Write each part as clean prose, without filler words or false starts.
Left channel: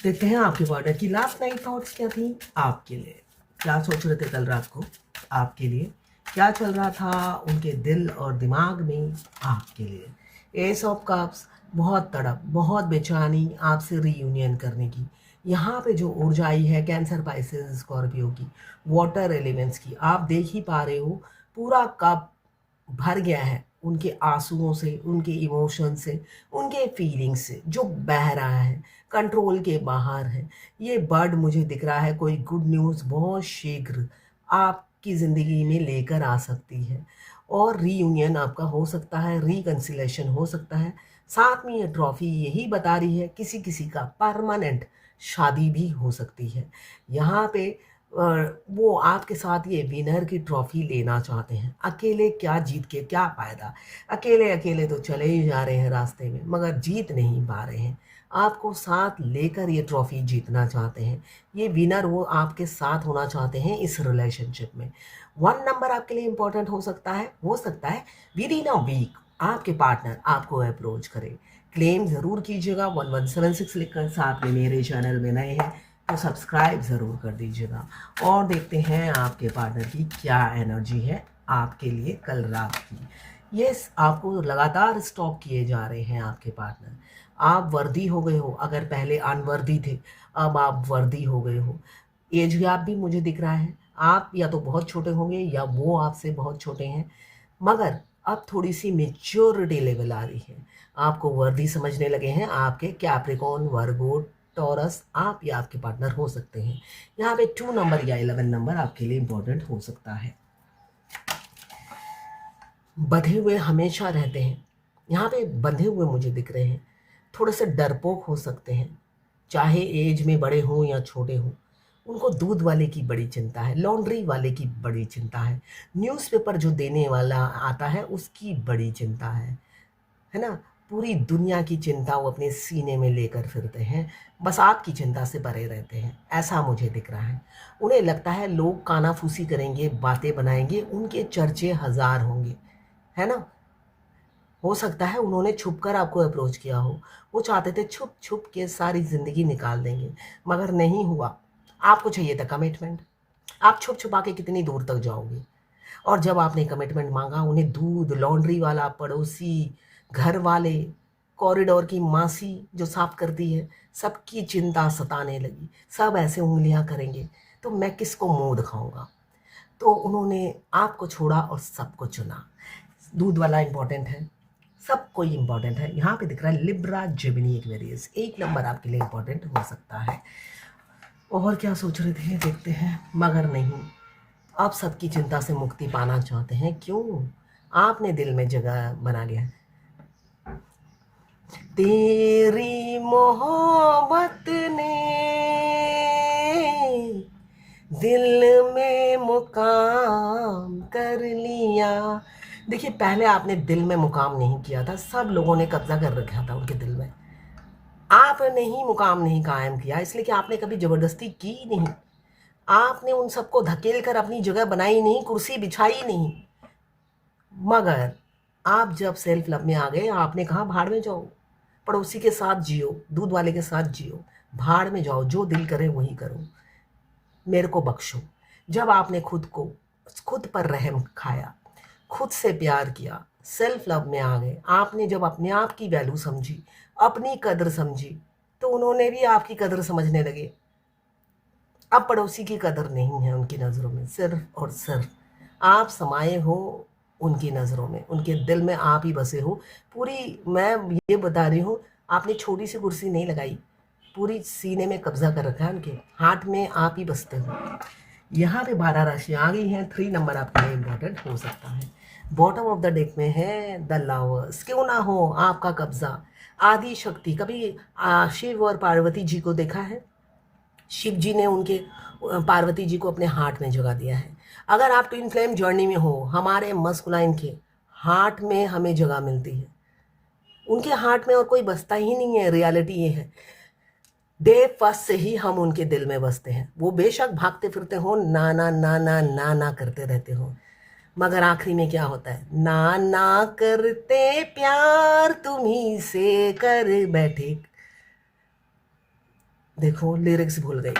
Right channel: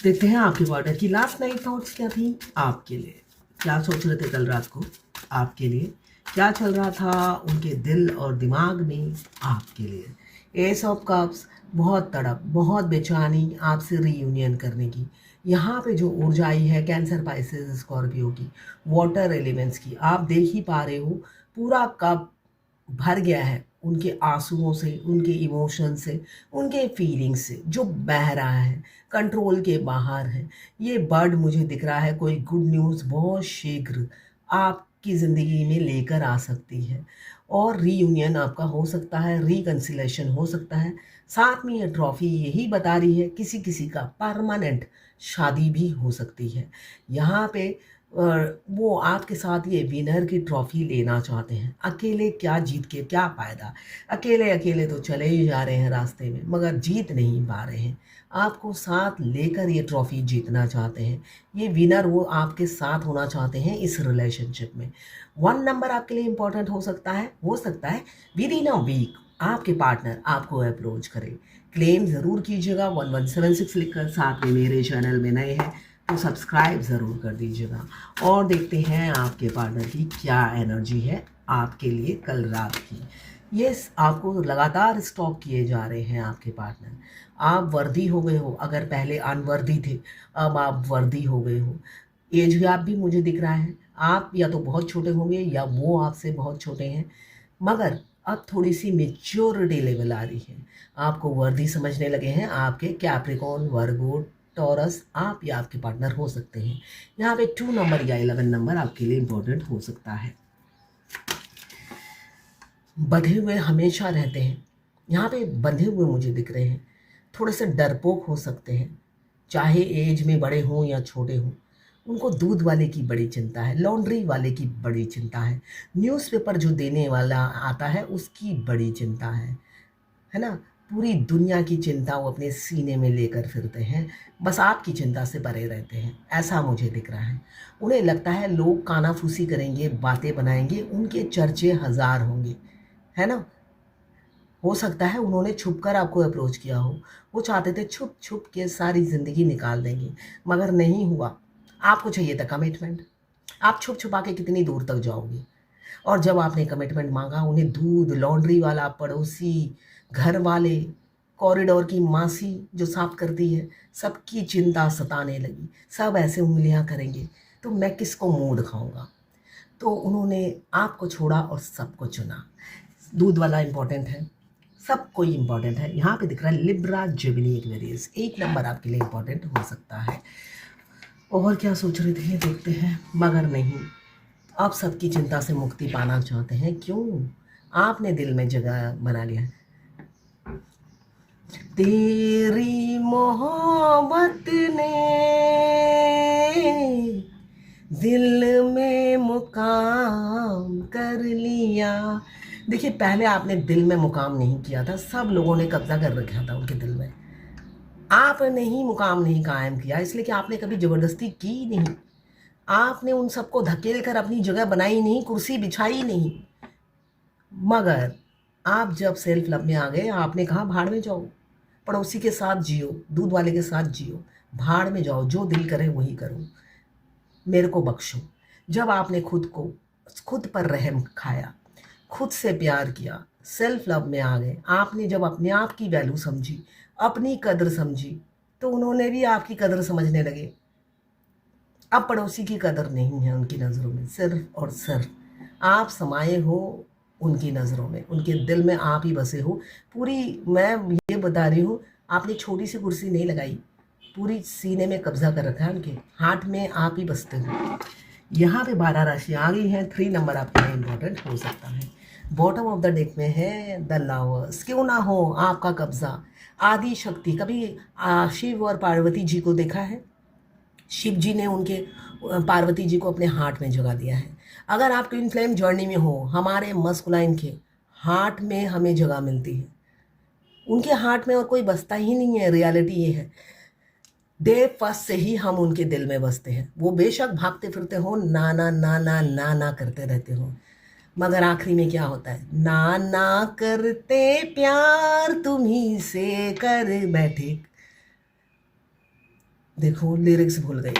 देखते हैं आपके पार्टनर की लास्ट नाइट थॉट्स क्या थी आपके लिए। क्या सोच रहे थे कल रात को आपके लिए, क्या चल रहा था उनके दिल और दिमाग में आपके लिए। एस ऑफ कप्स, बहुत तड़प, बहुत बेचैनी आपसे रीयूनियन करने की। यहाँ पे जो ऊर्जा आई है कैंसर, पाइसेस, स्कॉर्पियो की, वाटर एलिमेंट्स की, आप देख ही पा रहे हो पूरा कप भर गया है उनके आंसुओं से, उनके इमोशन से, उनके फीलिंग्स से जो बह रहा है, कंट्रोल के बाहर है। ये बर्ड मुझे दिख रहा है कोई गुड न्यूज़ बहुत शीघ्र आपकी ज़िंदगी में लेकर आ सकती है, और रीयूनियन आपका हो सकता है, रिकन्सिलेशन हो सकता है। साथ में ये ट्रॉफी यही बता रही है किसी किसी का परमानेंट शादी भी हो सकती है। यहाँ पे वो आपके साथ ये विनर की ट्रॉफी लेना चाहते हैं। अकेले क्या जीत के क्या फ़ायदा, अकेले अकेले तो चले ही जा रहे हैं रास्ते में मगर जीत नहीं पा रहे हैं। आपको साथ लेकर ये ट्रॉफी जीतना चाहते हैं। ये विनर वो आपके साथ होना चाहते हैं इस रिलेशनशिप में। 1 नंबर आपके लिए इम्पोर्टेंट हो सकता है विद इन अ वीक आपके पार्टनर आपको अप्रोच करे। क्लेम ज़रूर कीजिएगा 1176 लिखकर। साथ में मेरे चैनल में नए हैं तो सब्सक्राइब ज़रूर कर दीजिएगा। और देखते हैं आपके पार्टनर की क्या एनर्जी है आपके लिए कल रात की। यस, आपको लगातार स्टॉक किए जा रहे हैं आपके पार्टनर। आप वर्दी हो गए हो, अगर पहले अनवर्दी थे अब आप वर्दी हो गए हो। एज गैप भी मुझे दिख रहा है, आप या तो बहुत छोटे होंगे या वो आपसे बहुत छोटे हैं, मगर अब थोड़ी सी मेच्योरिटी लेवल आ रही है। आपको वर्दी समझने लगे हैं आपके कैप्रिकॉर्न, वर्गो, टॉरस, आप या आपके पार्टनर हो सकते हैं। यहाँ पे 2 नंबर या 11 नंबर आपके लिए इम्पोर्टेंट हो सकता है। बंधे हुए हमेशा रहते हैं, यहाँ पे बंधे हुए मुझे दिख रहे हैं, थोड़े से डरपोक हो सकते हैं, चाहे एज में बड़े हों या छोटे हों। उनको दूध वाले की बड़ी चिंता है, लॉन्ड्री वाले की बड़ी चिंता है, न्यूज़पेपर जो देने वाला आता है उसकी बड़ी चिंता है ना। पूरी दुनिया की चिंता वो अपने सीने में लेकर फिरते हैं, बस आपकी चिंता से परे रहते हैं, ऐसा मुझे दिख रहा है। उन्हें लगता है लोग कानाफूसी करेंगे, बातें बनाएंगे, उनके चर्चे हज़ार होंगे, है ना। हो सकता है उन्होंने छुप कर आपको अप्रोच किया हो, वो चाहते थे छुप छुप के सारी ज़िंदगी निकाल देंगे, मगर नहीं हुआ। आपको चाहिए था कमिटमेंट। आप छुप छुपा के कितनी दूर तक जाओगे। और जब आपने कमिटमेंट मांगा, उन्हें दूध, लॉन्ड्री वाला, पड़ोसी, घर वाले, कॉरिडोर की मासी जो साफ करती है, सबकी चिंता सताने लगी। सब ऐसे उंगलियां करेंगे तो मैं किसको मुंह दिखाऊंगा। तो उन्होंने आपको छोड़ा और सबको चुना। दूध वाला इंपॉर्टेंट है, सब कोई इंपॉर्टेंट है। यहाँ पे दिख रहा है लिब्रा जेमिनी एक्वेरियस, 1 नंबर आपके लिए इंपॉर्टेंट हो सकता है। और क्या सोच रहे थे देखते हैं, मगर नहीं, आप सबकी चिंता से मुक्ति पाना चाहते हैं। क्यों? आपने दिल में जगह बना लिया है। तेरी मोहब्बत ने दिल में मुकाम कर लिया। देखिए, पहले आपने दिल में मुकाम नहीं किया था, सब लोगों ने कब्जा कर रखा था उनके दिल में। आपने ही मुकाम नहीं कायम किया, इसलिए कि आपने कभी जबरदस्ती की नहीं। आपने उन सबको धकेल कर अपनी जगह बनाई नहीं, कुर्सी बिछाई नहीं। मगर आप जब सेल्फ लव में आ गए, आपने कहा भाड़ में जाओ, पड़ोसी के साथ जियो, दूध वाले के साथ जियो, भाड़ में जाओ, जो दिल करे वही करो, मेरे को बख्शो। जब आपने खुद पर रहम खाया, खुद से प्यार किया, सेल्फ लव में आ गए, आपने जब अपने आप की वैल्यू समझी, अपनी कदर समझी, तो उन्होंने भी आपकी कदर समझने लगे। अब पड़ोसी की कदर नहीं है उनकी नज़रों में, सिर्फ और सिर्फ आप समाये हो उनकी नज़रों में, उनके दिल में आप ही बसे हो। पूरी, मैं ये बता रही हूँ, आपने छोटी सी कुर्सी नहीं लगाई, पूरी सीने में कब्जा कर रखा है, उनके हार्ट में आप ही बसते हो। यहाँ पे 12 राशि आ गई है, 3 नंबर आपके लिए इम्पोर्टेंट हो सकता है। बॉटम ऑफ द डेक में है द लवर्स। क्यों ना हो आपका कब्जा। आदि शक्ति, कभी शिव और पार्वती जी को देखा है? शिव जी ने उनके पार्वती जी को अपने हार्ट में जगा दिया है। अगर आप ट्विन फ्लेम जर्नी में हो, हमारे मस्कुलाइन के हार्ट में हमें जगह मिलती है, उनके हार्ट में और कोई बसता ही नहीं है। रियलिटी ये है, डे फर्स्ट से ही हम उनके दिल में बसते हैं। वो बेशक भागते फिरते हो, ना ना ना ना ना ना करते रहते हो, मगर आखिरी में क्या होता है? ना ना करते प्यार तुम्ही से कर बैठे। देखो लिरिक्स भूल गई।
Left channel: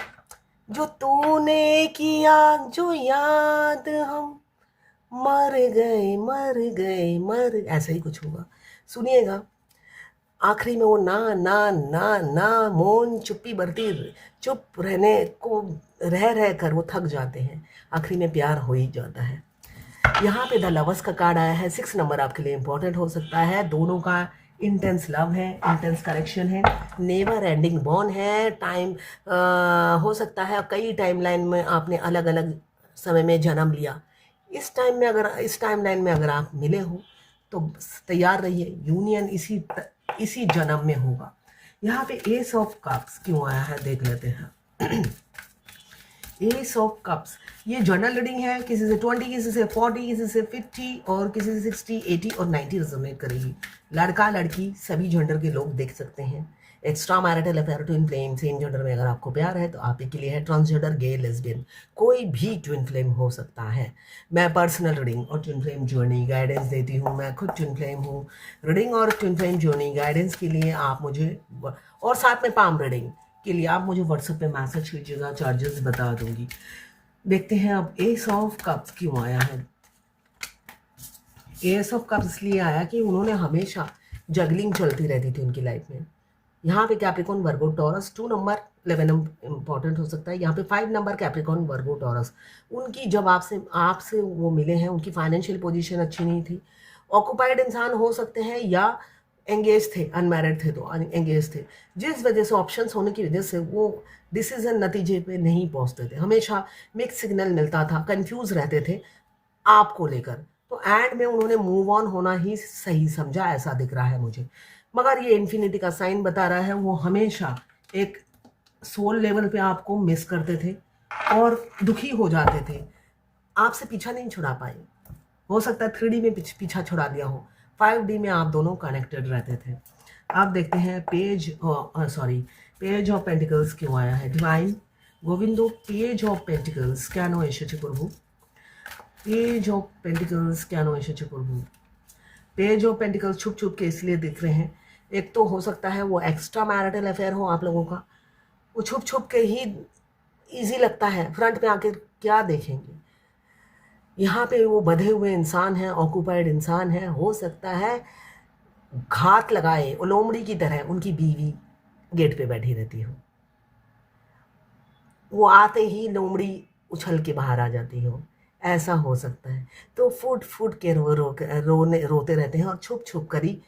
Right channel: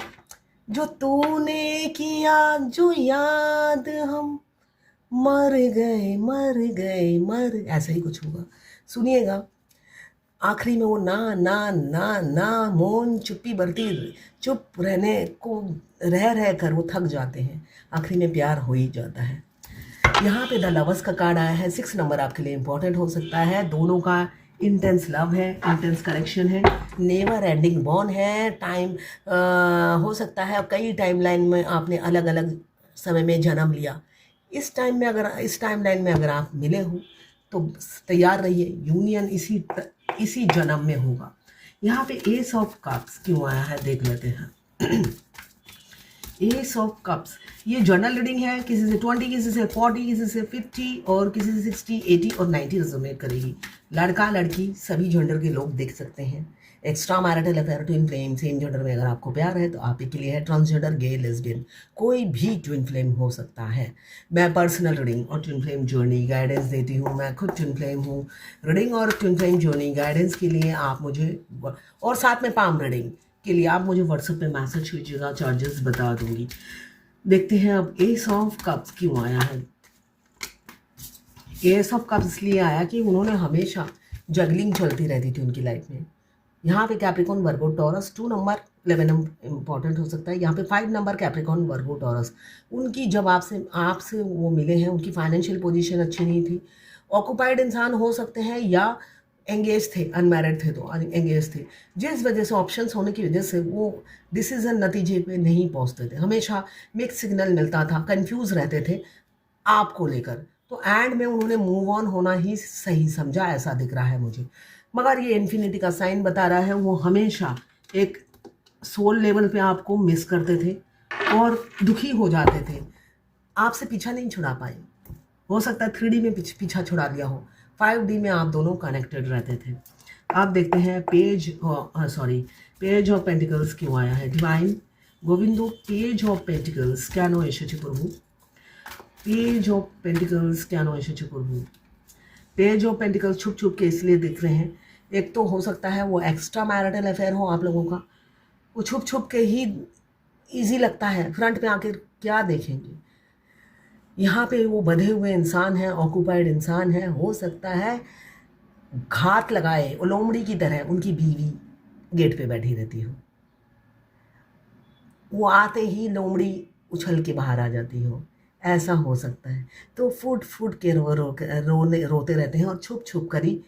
जो तूने किया जो याद हम मर गए मर गए मर, ऐसा ही कुछ होगा, सुनिएगा। आखिरी में वो ना ना ना ना मौन चुप्पी बरती, चुप रहने को रह कर वो थक जाते हैं, आखिरी में प्यार हो ही जाता है। यहाँ पे द लवर्स का कार्ड आया है। 6 नंबर आपके लिए इंपॉर्टेंट हो सकता है। दोनों का इंटेंस लव है, इंटेंस कनेक्शन है, नेवर एंडिंग बॉन्ड है। टाइम हो सकता है कई टाइमलाइन में आपने अलग अलग समय में जन्म लिया। इस टाइमलाइन में अगर आप मिले हो तो तैयार रहिए, यूनियन इसी जन्म में होगा। यहाँ पे एस ऑफ कप्स क्यों आया है देख लेते हैं। एस ऑफ कप्स ये जर्नल रीडिंग है, किसी से 20, किसी से 40, किसी से 50 और किसी से 60, 80 और 90 रिजोनेट करेगी। लड़का लड़की सभी जेंडर के लोग देख सकते हैं। Extra marital affair, twin flame, same gender में अगर आपको प्यार है तो आप ही के लिए है। ट्रांसजेंडर, गे, लेस्बियन, कोई भी ट्विन फ्लेम हो सकता है। मैं पर्सनल रीडिंग और ट्विन फ्लेम जर्नी गाइडेंस देती हूँ। मैं खुद ट्विन फ्लेम हूँ। रीडिंग और ट्विन फ्लेम जर्नी गाइडेंस के लिए आप मुझे, और साथ में पाम रीडिंग के लिए आप मुझे व्हाट्सएप पे मैसेज कीजिएगा, चार्जेस बता दूंगी। देखते हैं अब एस ऑफ कप्स क्यों आया है। एस ऑफ कप्स इसलिए आया कि उन्होंने हमेशा जगलिंग चलती रहती थी उनकी लाइफ में। यहाँ पे कैप्रिकॉन, वर्गो, टॉरस, 2 नंबर 11 इंपॉर्टेंट हो सकता है। यहाँ पे 5 नंबर कैप्रिकॉन, वर्गो, टॉरस, उनकी जब आपसे वो मिले हैं, उनकी फाइनेंशियल पोजीशन अच्छी नहीं थी। ऑक्यूपाइड इंसान हो सकते हैं या एंगेज थे, अनमैरिड थे तो एंगेज थे, जिस वजह से ऑप्शंस होने की वजह से वो डिसीजन नतीजे पे नहीं पहुंचते थे। हमेशा मिक्स सिग्नल मिलता था, कंफ्यूज रहते थे आपको लेकर। तो एंड में उन्होंने मूव ऑन होना ही सही समझा, ऐसा दिख रहा है मुझे। मगर ये इन्फिनिटी का साइन बता रहा है, वो हमेशा एक सोल लेवल पे आपको मिस करते थे और दुखी हो जाते थे, आपसे पीछा नहीं छुड़ा पाए। हो सकता है 3D में पीछा छुड़ा दिया हो, 5D में आप दोनों कनेक्टेड रहते थे। आप देखते हैं पेज ऑफ पेंटिकल्स क्यों आया है। Divine Govindo, page of pentacles क्या नो एशेचे प्रभु, पेज ऑफ पेंटिकल्स क्या नो एशेचे प्रभु। पेज ऑफ पेंटिकल्स छुप छुप के इसलिए दिख रहे हैं, एक तो हो सकता है वो एक्स्ट्रा मैरिटल अफेयर हो आप लोगों का, वो छुप छुप के ही ईजी लगता है, फ्रंट पे आके क्या देखेंगे। यहाँ पे वो बंधे हुए इंसान है, ऑक्यूपाइड इंसान है, हो सकता है घात लगाए लोमड़ी की तरह उनकी बीवी गेट पे बैठी रहती हो, वो आते ही लोमड़ी उछल के बाहर आ जाती हो, ऐसा हो सकता है। तो फुट फुट के रोते रहते हैं और छुप छुप कर ही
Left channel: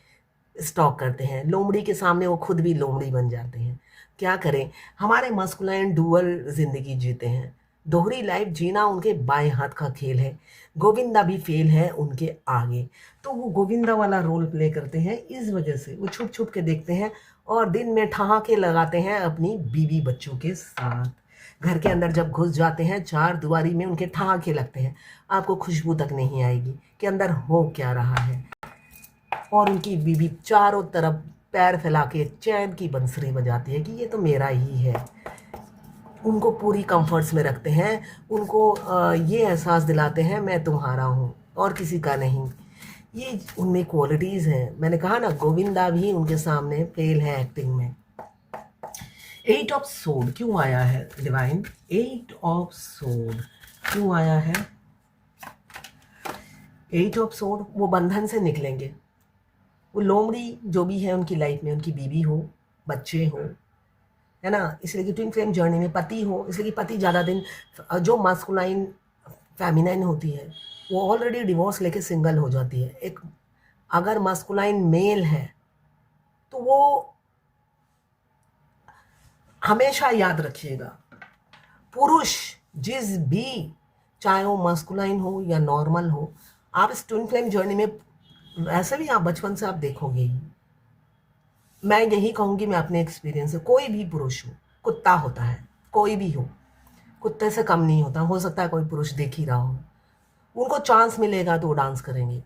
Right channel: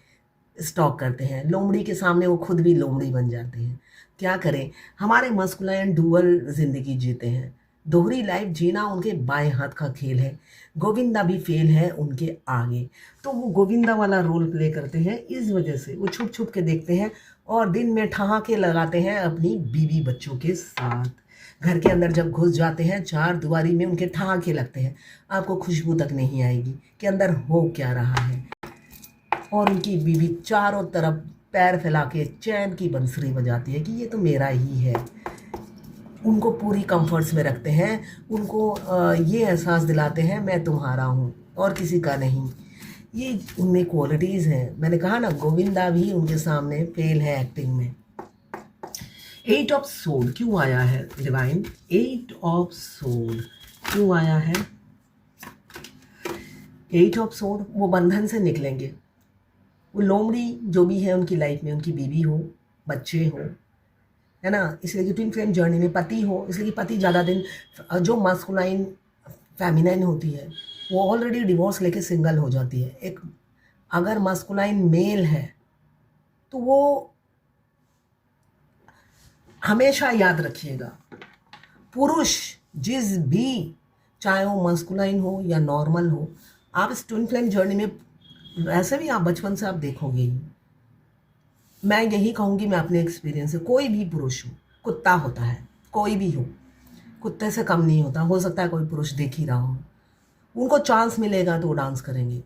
स्टॉक करते हैं। लोमड़ी के सामने वो खुद भी लोमड़ी बन जाते हैं। क्या करें, हमारे मस्कुलाइन डुअल जिंदगी जीते हैं, दोहरी लाइफ जीना उनके बाएं हाथ का खेल है। गोविंदा भी फेल है उनके आगे, तो वो गोविंदा वाला रोल प्ले करते हैं। इस वजह से वो छुप छुप के देखते हैं और दिन में ठहाके लगाते हैं अपनी बीवी बच्चों के साथ। घर के अंदर जब घुस जाते हैं, चार दीवारी में उनके ठहाके लगते हैं, आपको खुशबू तक नहीं आएगी कि अंदर हो क्या रहा है। और उनकी बीवी चारों तरफ पैर फैला के चैन की बंसुरी बजाती है कि ये तो मेरा ही है। उनको पूरी कंफर्ट्स में रखते हैं, उनको ये एहसास दिलाते हैं मैं तुम्हारा हूँ और किसी का नहीं। ये उनमें क्वालिटीज़ हैं। मैंने कहा ना, गोविंदा भी उनके सामने फेल है एक्टिंग में। 8 ऑफ सोड क्यों आया है डिवाइन, 8 ऑफ सोड क्यों आया है। 8 ऑफ सोड, वो बंधन से निकलेंगे। वो लोमड़ी जो भी है उनकी लाइफ में, उनकी बीवी हो, बच्चे हो, है ना, इसलिए कि ट्विन फ्लेम जर्नी में पति हो, इसलिए कि पति ज़्यादा दिन, जो मास्कुलाइन फेमिनाइन होती है वो ऑलरेडी डिवोर्स लेके सिंगल हो जाती है। एक अगर मास्कुलाइन मेल है तो वो हमेशा याद रखिएगा, पुरुष जिस भी, चाहे वो मास्कुलाइन हो या नॉर्मल हो, आप इस ट्विन फ्लेम जर्नी में वैसे भी आप बचपन से आप देखोगे ही। मैं यही कहूँगी, मैं अपने एक्सपीरियंस से, कोई भी पुरुष हो, कुत्ता होता है, कोई भी हो, कुत्ते से कम नहीं होता। हो सकता है कोई पुरुष देख ही रहा हो, उनको चांस मिलेगा तो वो डांस करेंगे,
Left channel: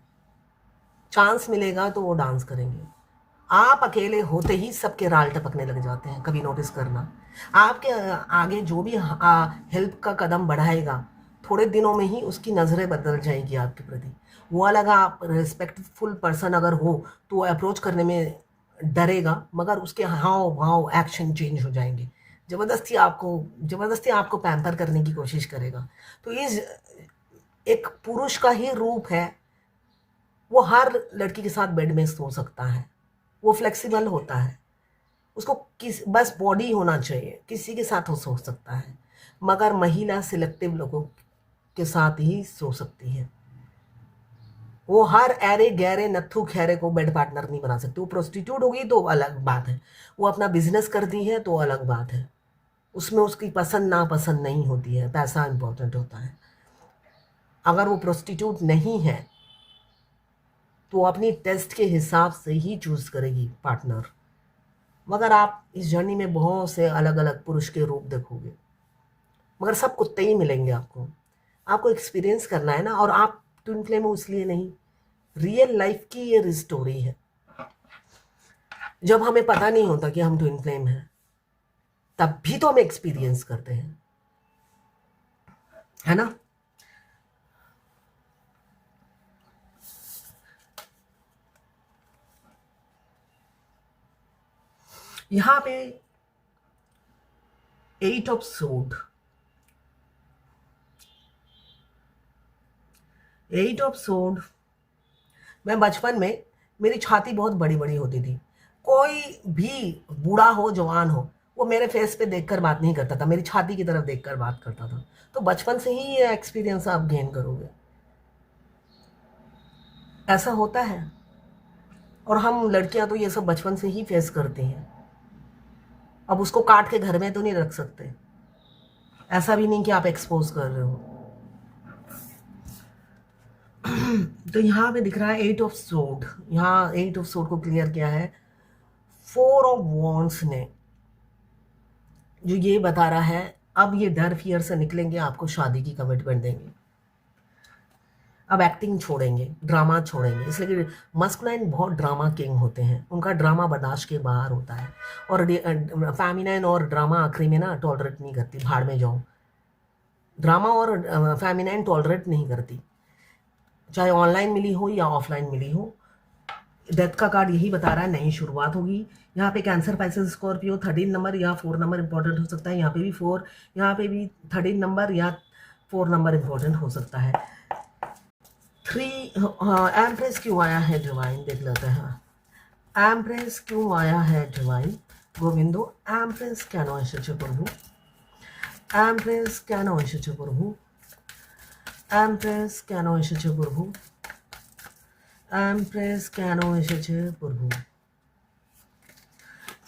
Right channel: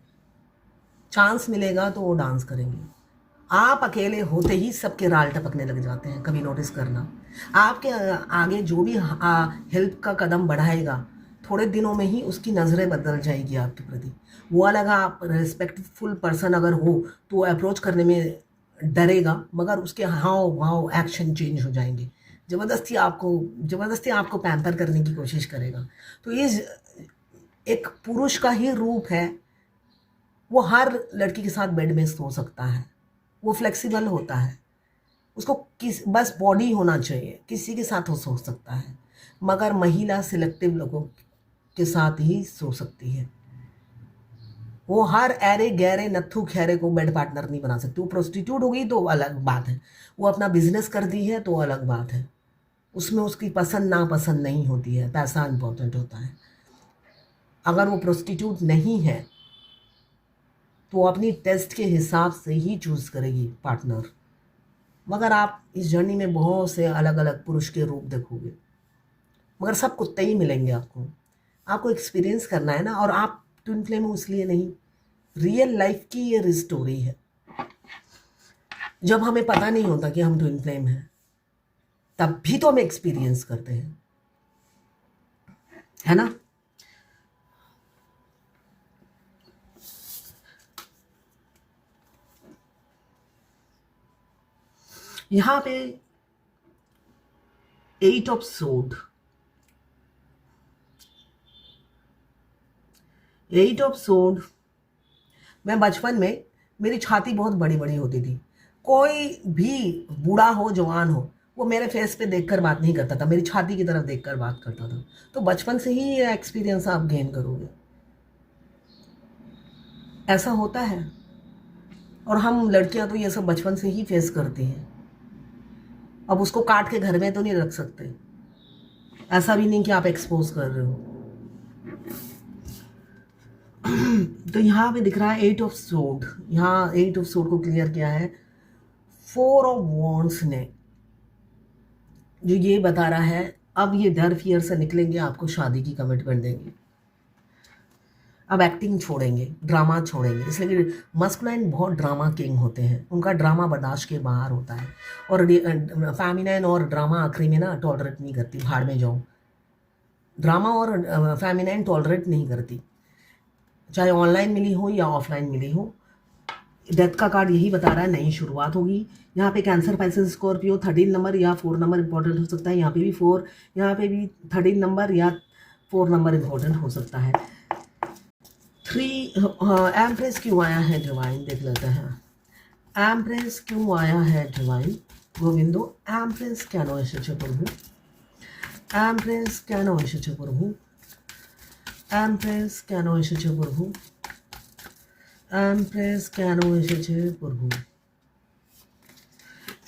चांस मिलेगा तो वो डांस करेंगे। आप अकेले होते ही सबके राल टपकने लग जाते हैं, कभी नोटिस करना। आपके आगे जो भी हेल्प का कदम बढ़ाएगा, थोड़े दिनों में ही उसकी नज़रें बदल जाएगी आपके प्रति। वो अलग, आप रिस्पेक्टफुल पर्सन अगर हो तो वो अप्रोच करने में डरेगा, मगर उसके हाव भाव एक्शन चेंज हो जाएंगे। जबरदस्ती आपको पैम्पर करने की कोशिश करेगा। तो ये एक पुरुष का ही रूप है। वो हर लड़की के साथ बेड में सो सकता है, वो फ्लेक्सिबल होता है, उसको बस बॉडी होना चाहिए, किसी के साथ वो सो सकता है। मगर महिला सिलेक्टिव लोगों के साथ ही सो सकती है। वो हर ऐरे गहरे नत्थु खैरे को बेड पार्टनर नहीं बना सकती। वो प्रोस्टिट्यूट होगी तो अलग बात है, वो अपना बिजनेस करती है तो अलग बात है, उसमें उसकी पसंद नापसंद नहीं होती है, पैसा इंपॉर्टेंट होता है। अगर वो प्रोस्टिट्यूट नहीं है तो अपनी टेस्ट के हिसाब से ही चूज करेगी पार्टनर। मगर आप इस जर्नी में बहुत से अलग अलग पुरुष के रूप देखोगे, मगर सब कुत्ते ही मिलेंगे आपको एक्सपीरियंस करना है ना। और आप ट्विन फ्लेम हो इसलिए नहीं, रियल लाइफ की ये स्टोरी है। जब हमें पता नहीं होता कि हम ट्विन फ्लेम हैं, तब भी तो हम एक्सपीरियंस करते हैं, है ना। यहां पे 8 ऑफ सोड, 8 ऑफ सोड। मैं बचपन में मेरी छाती बहुत बड़ी बड़ी होती थी। कोई भी बूढ़ा हो जवान हो, वो मेरे फेस पे देखकर बात नहीं करता था, मेरी छाती की तरफ देखकर बात करता था। तो बचपन से ही ये एक्सपीरियंस आप गेन करोगे, ऐसा होता है। और हम लड़कियां तो ये सब बचपन से ही फेस करती हैं। अब उसको काट के घर में तो नहीं रख सकते, ऐसा भी नहीं कि आप एक्सपोज कर रहे हो। तो यहाँ पे दिख रहा है 8 ऑफ सोड। यहाँ 8 ऑफ सोड को क्लियर किया है 4 ऑफ वॉन्ड्स ने, जो ये बता रहा है अब ये डर फियर से निकलेंगे, आपको शादी की कमिटमेंट देंगे, अब एक्टिंग छोड़ेंगे, ड्रामा छोड़ेंगे। इसलिए कि मस्कुलाइन बहुत ड्रामा किंग होते हैं, उनका ड्रामा बर्दाश्त के बाहर होता है। और फेमिनाइन और ड्रामा आखिरी में ना टॉलरेट नहीं करती, भाड़ में जाओ। ड्रामा और फेमिनाइन टॉलरेट नहीं करती, चाहे ऑनलाइन मिली हो या ऑफलाइन मिली हो। डेथ का कार्ड यही बता रहा है नई शुरुआत होगी। यहाँ पे कैंसर, पाइसेस, स्कॉर्पियो 13 नंबर या 4 नंबर इंपॉर्टेंट हो सकता है। यहाँ पे भी 4, यहाँ पे भी 13 नंबर या 4 नंबर इंपॉर्टेंट हो सकता है। 3 एम्प्रेस क्यों आया है डिवाइन, देख लेते हैं। एम्प्रेस क्यों आया है डिवाइन गोविंदो, एम्प्रेस কেন এসেছে প্রভু, एम्प्रेस কেন এসেছে প্রভু, एम्प्रेस কেন এসেছে প্রভু, एम्प्रेस কেন এসেছে प्रभु।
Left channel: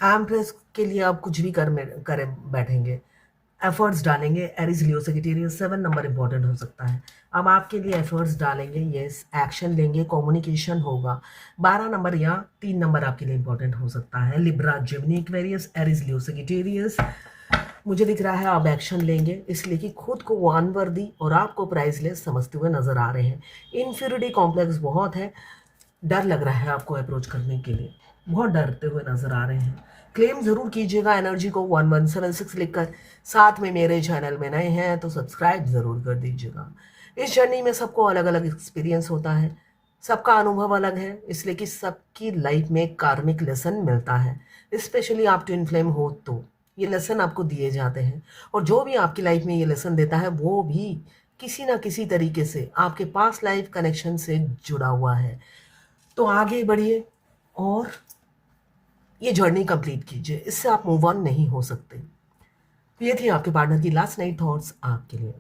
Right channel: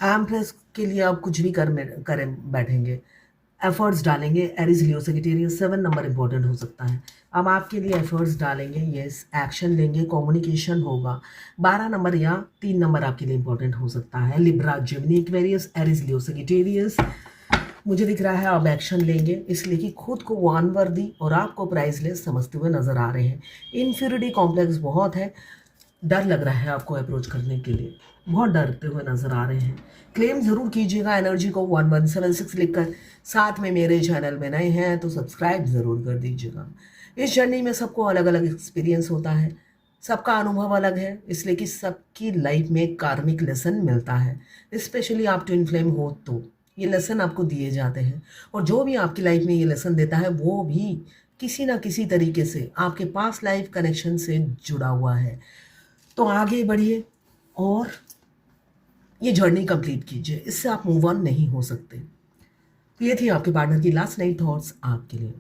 एम्प्रेस के लिए आप कुछ भी कर बैठेंगे, एफर्ट्स डालेंगे। एरीज, लियो, सजिटेरियस 7 नंबर इंपॉर्टेंट हो सकता है। अब आपके लिए एफर्ट्स डालेंगे, यस, एक्शन लेंगे, कम्युनिकेशन होगा। 12 नंबर या 3 नंबर आपके लिए इंपॉर्टेंट हो सकता है। लिब्रा, जेमिनी, एक्वेरियस, एरीज, लियो, सजिटेरियस। मुझे दिख रहा है आप एक्शन लेंगे, इसलिए कि खुद को अनवर्दी और आपको प्राइसलेस समझते हुए नजर आ रहे हैं। इन्फीरियरिटी कॉम्प्लेक्स बहुत है, डर लग रहा है आपको अप्रोच करने के लिए, बहुत डरते हुए नजर आ रहे हैं। क्लेम जरूर कीजिएगा एनर्जी को 1176 लिखकर। साथ में मेरे चैनल में नए हैं तो सब्सक्राइब जरूर कर दीजिएगा। इस जर्नी में सबको अलग अलग एक्सपीरियंस होता है, सबका अनुभव अलग है, इसलिए कि सबकी लाइफ में कार्मिक लेसन मिलता है। स्पेशली आप ट्विन फ्लेम हो तो ये लेसन आपको दिए जाते हैं। और जो भी आपकी लाइफ में ये लेसन देता है वो भी किसी ना किसी तरीके से आपके पास लाइफ कनेक्शन से जुड़ा हुआ है। तो आगे बढ़िए और ये जर्नी कंप्लीट कीजिए, इससे आप मूव ऑन नहीं हो सकते। तो ये थी आपके पार्टनर की लास्ट नाइट थॉट्स आपके लिए।